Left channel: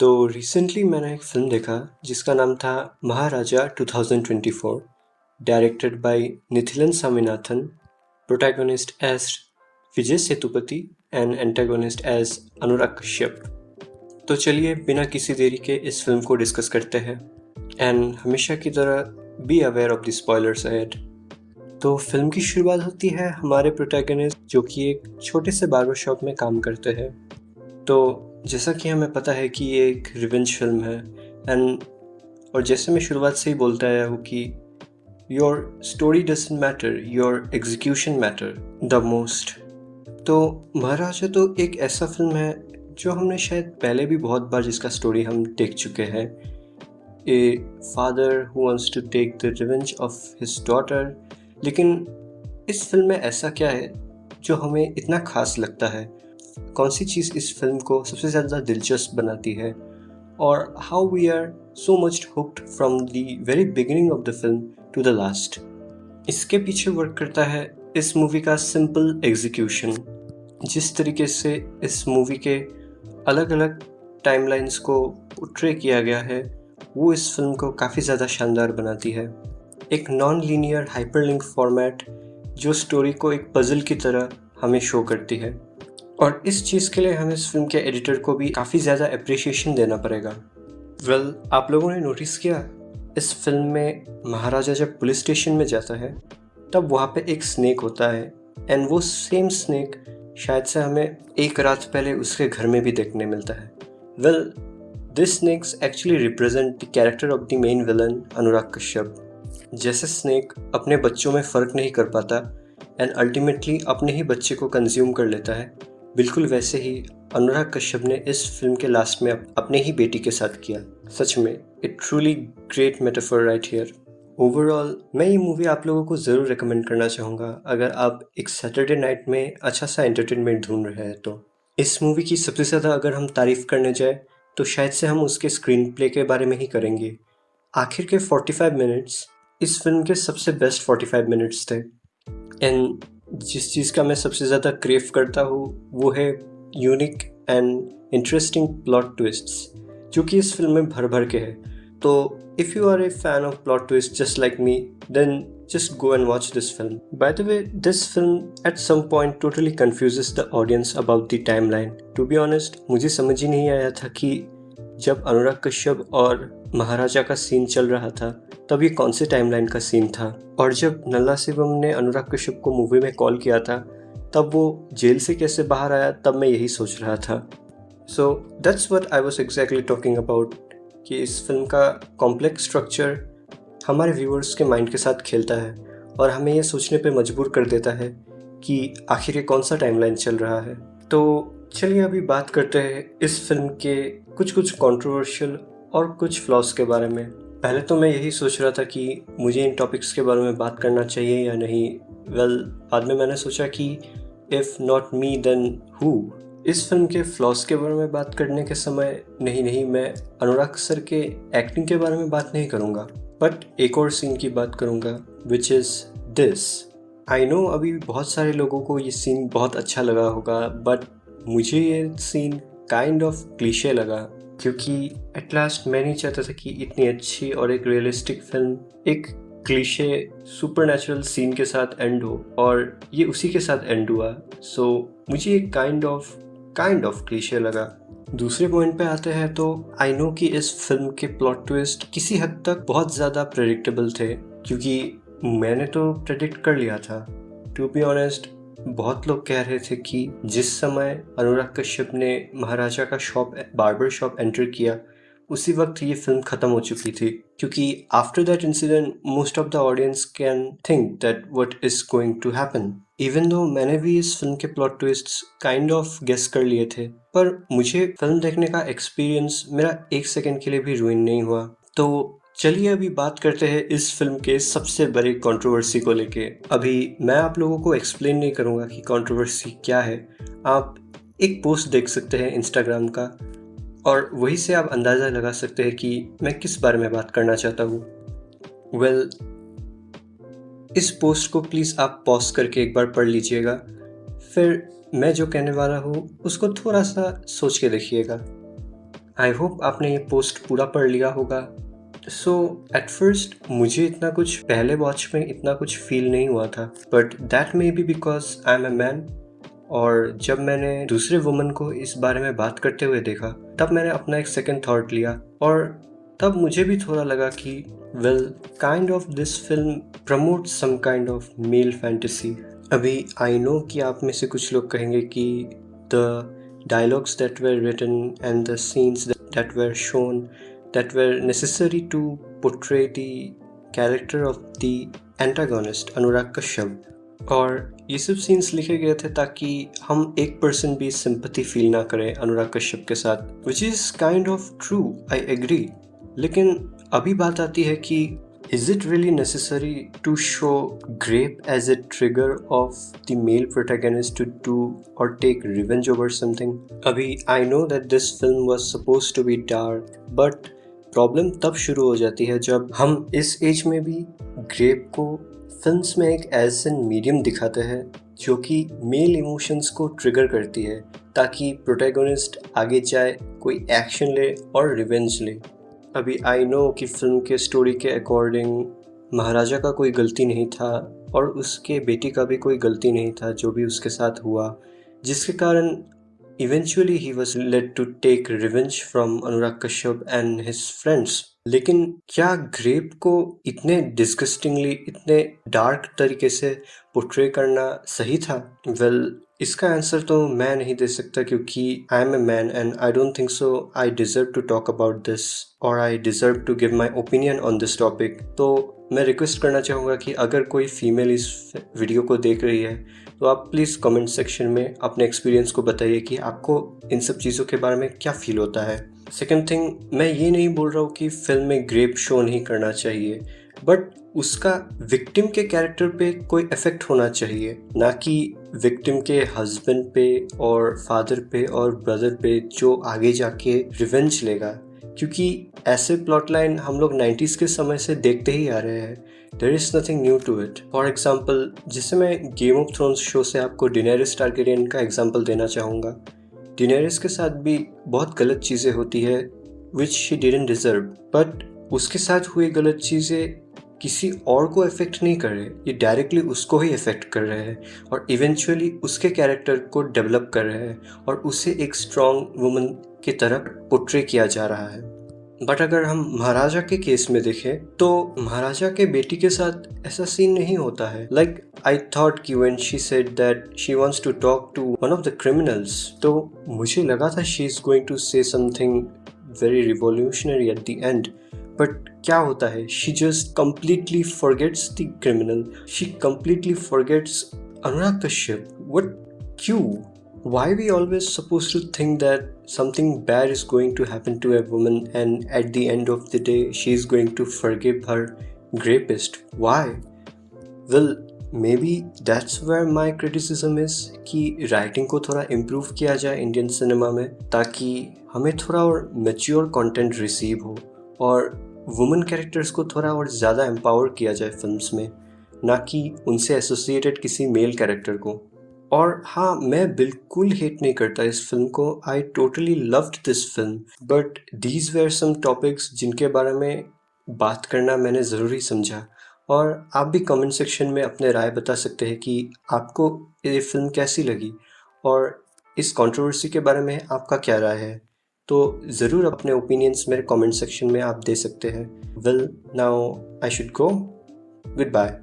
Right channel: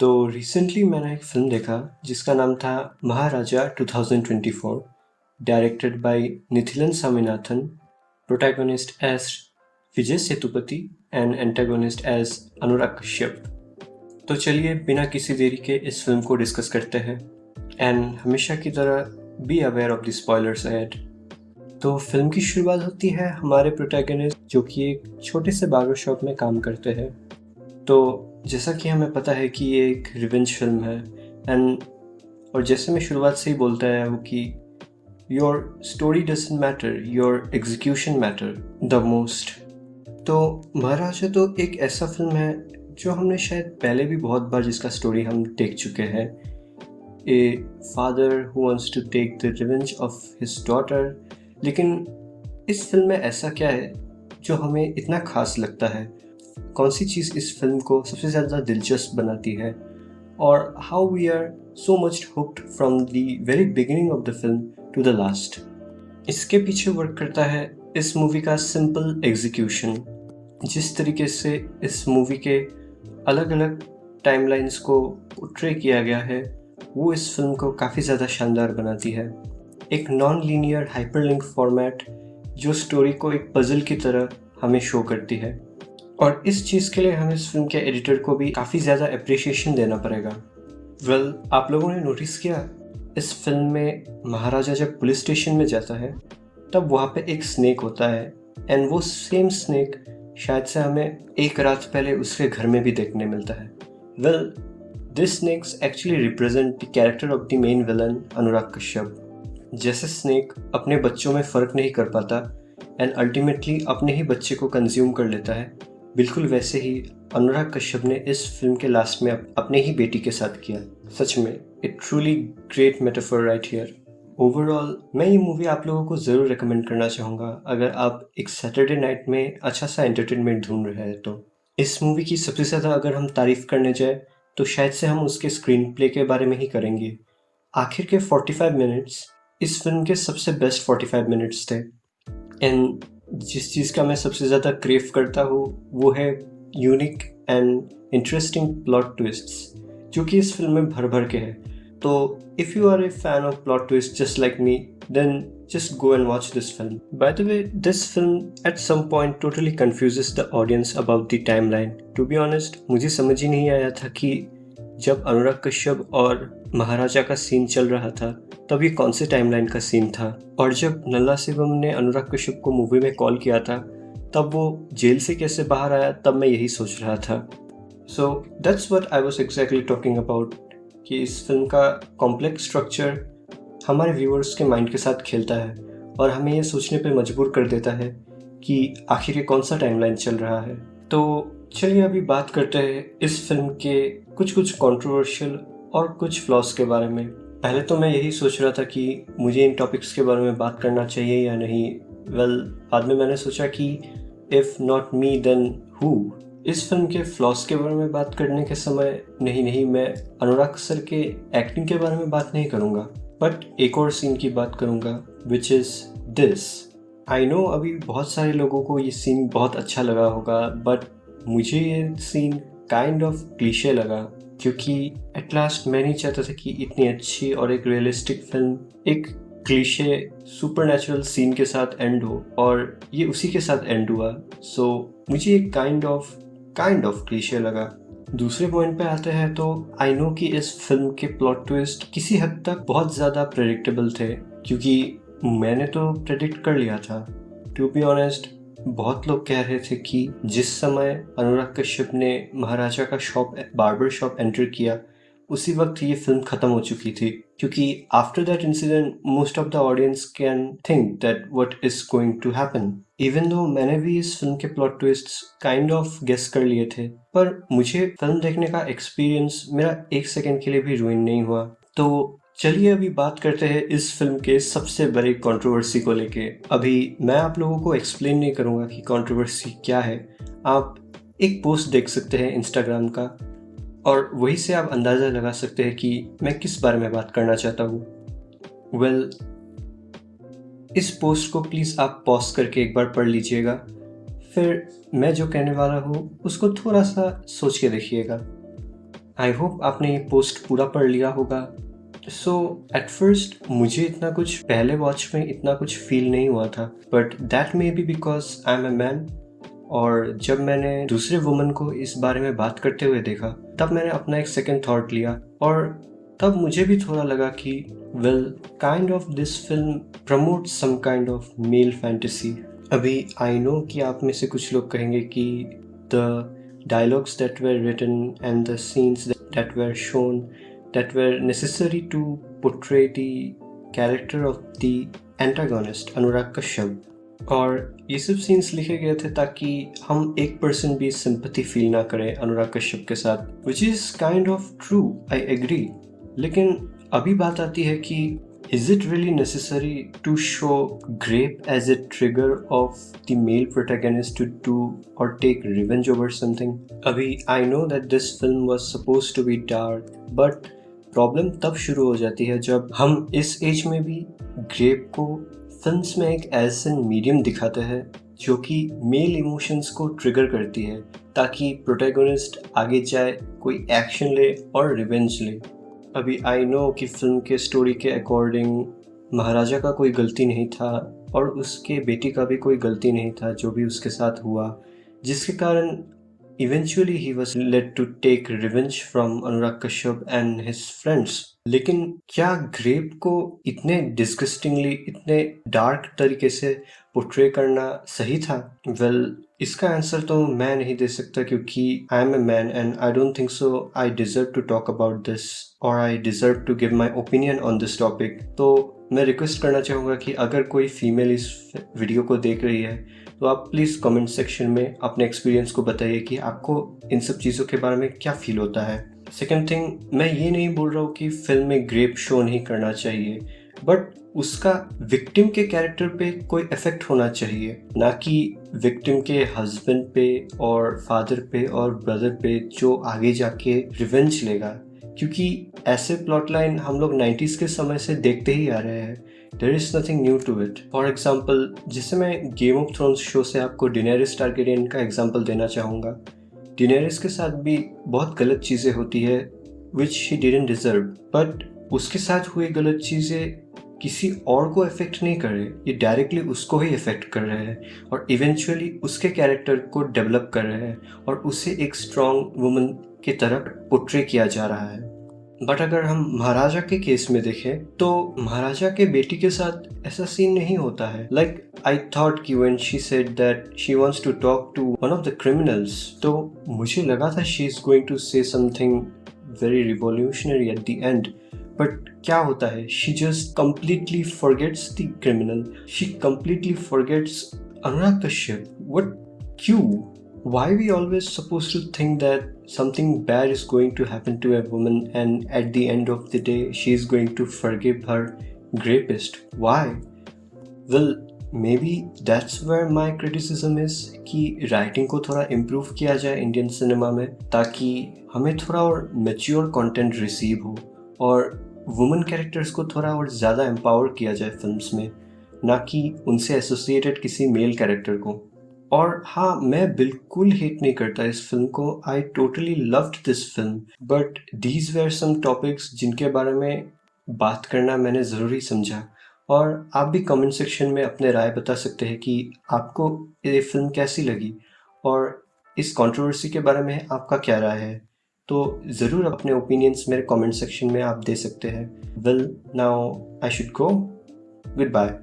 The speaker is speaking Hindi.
तो रिसेंटली मैंने एक फ़िल्म देखा जिसका नाम था Maharaja 2024, directed by Nithilan Swaminathan, protagonist as Vijay Sethupathi and antagonist as Anurag Kashyap. तो चलिए बिना किसी देरी के इस फिल्म को डिस्कस करते हैं एंड हमेशा की तरह be aware of the spoilers ahead. तो फिल्म की शुरुआत होती है हमारे प्रोटैगनिस्ट जो कि एक छोटे से बार्बर शॉप में काम करते हैं। तो जैसा कि हमें पता है कि ये एक रिवेंज फिल्म है एंड और जैसे मैं शुरुआत से ही बोलता आया हूँ कि your story doesn't matter, your execution matter the most. तो महाराजा तो एक ऐसा फिल्म है जो हमने शायद पहले भी बहुत बार जिसका स्टोरी हम देख चुके हैं। A father who wants to take the revenge of his daughter. लेकिन इस फिल्म में ऐसा क्या है जो हमें इतना खास लगता है? कौन सी चीज़ इस फिल्म को सबसे ज़्यादा दिलचस्प बनाती है? और how we are so much hooked from the very beginning of the film to the last. इसके पीछे वर्क करता है इस मूवी का सिंपल एग्जीक्यूशन। जिस तरीके से इस मूवी के अलग अलग टाइमलाइंस को पोर्ट्रे किया गया है वो इस फिल्म को काफ़ी ज़्यादा शानदार बनाती है। एक नॉन लीनियर हाइपरलिंक फॉर्मेट जो स्टोरी को एक पजल की तरह हमें शो करती है, और इस चीज़ के लिए हमें इस फिल्म के एडिटर को भी काफ़ी ज़्यादा अप्रिशिएशन देना पड़ेगा। आप लोगों ने नोटिस किया इस फिल्म में महाराजा जब पुलिस स्टेशन में जाता है तब वहाँ पे एक स्नेक होता है एंड वो सेम स्नेक शायद से हमें एक रात पहले उसके घर में भी देखने मिलता है। This snakes actually represent the character of the main villain Anurag Kashyap. जैसे स्नेक अपने बच्चों में फ़र्क नहीं कर पाता एंड अल्टीमेटली अपने ही बच्चे को कंज्यूम कर लेता है, बिल्कुल वैसे ही अनुराग कश्यप ने इस फिल्म के लास्ट में अपने ही बेटी के साथ किया। सच में it truly great metaphor right here. Overall मैं ये मूवी आप लोगों को ज़रूर रिकमेंड करना चाहूँगा अगर आप एक सैटरडे नाइट में अच्छा सा एंटरटेनमेंट ढूंढ रहे हैं तो। इस मूवी की सबसे ज़्यादा अगर हम तारीफ़ करने जाए तो शायद से हम उसके स्क्रीन प्ले के बारे में ही करेंगे। आखिर के 45 मिनट्स इस फिल्म के सबसे बेस्ट 45 मिनट्स थे एंड जिस चीज़ का मैं सबसे ज़्यादा क्रेव करता हूँ वो है unique and interesting plot twists जो कि इस फिल्म में भर भर के है। तो if you are a fan of plot twist just like me then just go and watch this film. By the way, this film at some point totally confuses the audience about the timeline. To be honest, मुझे समझ ही नहीं आया था कि जब अनुराग कश्यप और महाराजा का सीन चल रहा था तब ये कौन से टाइमलाइन का सीन था, और जब नल्ला शिवम ने अनुराग कश्यप को मूवी में कॉल किया था तब वो जेल से कैसे बाहर आया, तब मैं यही सोच रहा था। So that's what I was exactly talking about कि इस फिल्म का कॉम्प्लेक्स स्ट्रक्चर हमारे व्यूअर्स के माइंड के साथ खेलता है और हमें ये सोचने पे मजबूर कर देता है कि आखिर ये कौन सा टाइमलाइन चल रहा है। तो चलिए अभी बात करते हैं इस फिल्म के कुछ कंट्रोवर्शियल और कुछ फ्लॉज के बारे में। पहले तो मैं यही सोच रहा था कि मुझे इन टॉपिक्स के बारे में बात करना चाहिए या नहीं। बाद में मैंने सोचा कि if not me then who. इस फिल्म के फ्लॉज के बारे में बात करने के समय नहीं मैं अनुराग सर के एक्टिंग के बारे में बात नहीं करूँगा, बट एक और सीन की बात करूँगा which is this. I know अभी बहुत सारे लोगों को ये सीन बहुत अच्छा लगा होगा, बट मुझे ये सीन काइंड ऑफ क्लीशे लगा क्योंकि एट लास्ट मैं नहीं चाहता था कि इतनी अच्छी और एक रियलिस्टिक फिल्म एक क्लीशे सुपरनैचुरल सीन के साथ एंड हो, और ये उसी के साथ एंड हुआ। सो मुझे ये काइंड ऑफ क्लीशे लगा। दूसरे पॉइंट पे आते हैं तो आई नो कि इस फिल्म के प्लॉट ट्विस्ट किसी हद तक बहुत ज़्यादा प्रेडिक्टेबल थे क्योंकि मैंने तो प्रेडिक्ट कर लिया था। टू बी ऑनेस्ट, बहुत लोग कह रहे थे कि जिस समय अनुराग कश्यप ने महाराजा का बार्बर शॉप एंटर किया उसी वक्त ये फिल्म ख़त्म हो चुकी थी, क्योंकि after that incident most of the audience can think that what is going to happen. Even though मैंने भी इस फिल्म के plot twists kind of guess कर लिए थे, पर मुझे फिल्म देखने का एक्सपीरियंस मेरा एक सेकेंड के लिए भी रुइन नहीं हुआ। तो चलिए अभी बात करते हैं इस फिल्म के सबसे बड़ी कंट्रोवर्सी को लेके। अभी मैं आप लोगों को एक्सप्लेन नहीं करूँगा कि कंट्रोवर्सी क्या है। आप एक पोस्ट देख सकते हैं इंस्टाग्राम का और वहीं से आप अंदाज़ा लगा सकते हैं कि मैं किस बारे में बात करना चाहता हूँ। इस पोस्ट को प्लीज़ आप पॉज करके एक बार पढ़ लीजिएगा, फिर मैं जो कहने वाला हूँ उसको थोड़ा सा सोच के देखिएगा। आई होप आपने ये पोस्ट पूरा पढ़ लिया होगा। सो एट फर्स्ट मुझे इतना कुछ पहले वॉच में इतना कुछ फील नहीं हुआ था, but that may be because I am a man. और जब मैंने दूसरे वुमन को इस बारे में बात करते हुए देखा, तब मैंने अपना एक सेकंड थॉट लिया और तब मुझे भी थोड़ा लगा कि well, kind of this film promote some kind of male fantasy. अभी आई नो कि आप में से कुछ लोग कहेंगे कि the dialogues that were written and the scenes that were shown that were necessary to portray the character of the antagonist Anurag Kashyap, और ये सब सीन्स लिखे गए थे ताकि हम एक पर्सन भी सिंपैथी फील ना करें अनुराग कश्यप के साथ, which is kind of true, I agree. लेकिन अभी बात आती है कि is it really necessary to show Grape as a trigger of the male protagonist to do or take revenge over something? अभी I know that this film was supposed to be dark, but problem तब शुरू हो जाती है जब हम इस एज में भी ग्रेप को फिल्म्स में एक एज एन मीडियम दिखाते हैं जो कि मेल इमोशंस को ट्रिगर करती है, ताकि प्रोटैगनिस्ट आगे जाए, कोई एक्शन ले और रिवेंज ले। अभी आई नो कि फिल्म के स्टोरी के अकॉर्डिंग महाराजा का कोई गलती नहीं था और उसके बेटी का भी कोई गलती नहीं था जो भी उसके साथ हुआ, जिसके कारण eventually he was led to take revenge from Anurag Kashyap and his friends. लेकिन क्या ग्रेप को इतने डिस्गस्टिंगली, इतने डार्क तरीके से पोर्ट्रे करना सही था? वेल, इसका आंसर तो मैं नहीं दे सकता क्योंकि I am a man and I don't think so I deserve to talk about this और I deserve to give my opinion on this topic. तो मैं रिक्वेस्ट करना चाहूँगा कि अगर कोई फीमेल इस वीडियो को देख रही है तो आप प्लीज़ कमेंट सेक्शन में अपने एक्सपीरियंस को बताइए कि आपको इन सब चीज़ों के बारे में क्या फील होता है। सेकेंड थिंग, मैं ये नहीं बोल रहा हूँ कि फिल्म में ग्रेप शो नहीं करना चाहिए, बट उसका विक्टिम के कैरेक्टर पे कोई इफेक्ट होना चाहिए, ना कि विक्टिम के हस्बैंड पे और फादर पे और ब्रदर पे जो आगे जाके रिवेंज लेगा, क्योंकि ऐसे प्लॉट लाइन हम लोग 90s के समय से देखते ही आ रहे हैं। There is nothing new to it. For example, जैसे मैं गेम ऑफ थ्रोन्स शो से आपको डेनेरिस टारगेरियन का एग्जाम्पल देना चाहूँगा। डेनेरिस के साथ भी बहुत गलत चीज़ें होती है which she didn't deserve, but उसके साथ हुई गलत चीज़ें किसी और को इफेक्ट नहीं कर रहे, ये डायरेक्टली उसको ही इफेक्ट कर रहे हैं और इवेंचुअली उसके कैरेक्टर को डेवलप कर रहे हैं और उसे एक स्ट्रॉन्ग वुमन की तरह पोर्ट्रे किया जा रहा है। बट अगर हम महाराजा के केस में देखें तो महाराजा के बेटी के साथ ऐसा सीन नहीं होता है। लाइक आई थॉट कि when she said that she wants to talk to one of the criminals, तो मुझे लगा था she is going to say something very revolutionary at the end, but क्या होता है, she just completely forgets the criminal, she completely forgets Anurag Kashyap. What? क्यों? Why we always supposed to think that something bad is going to happen to a woman and at the end of the day she is going to forgive her rapist? Why? Well, maybe that's where my criticism is कि राइटिंग को थोड़ा इम्प्रूव किया जाए इंडियन सिनेमा में, ताकि हमें थोड़ा और मैच्योर कंटेंट रिसीव हो और वुमेन कैरेक्टर्स को थोड़ा और ज़्यादा एम्पावर किया जाए फिल्म्स में, ना कि उनसे एसोसिएटेड किसी मेल कैरेक्टर को। और हाँ, मैं बिल्कुल हेट नहीं करता इस फिल्म को, I totally loved this film, but these were some topics जिनके बारे में बात करना मैंने ज़रूरी समझा। और आप भी कमेंट सेक्शन में अपने राय बता सकते हैं कि आपको ये फिल्म कैसी लगी और इस कंट्रोवर्सी के बारे में आपका क्या राय है। तो ज़रूर अपने ओपिनियंस मेरे कमेंट सेक्शन में आप दे सकते हैं। Well, now I should go, good bye.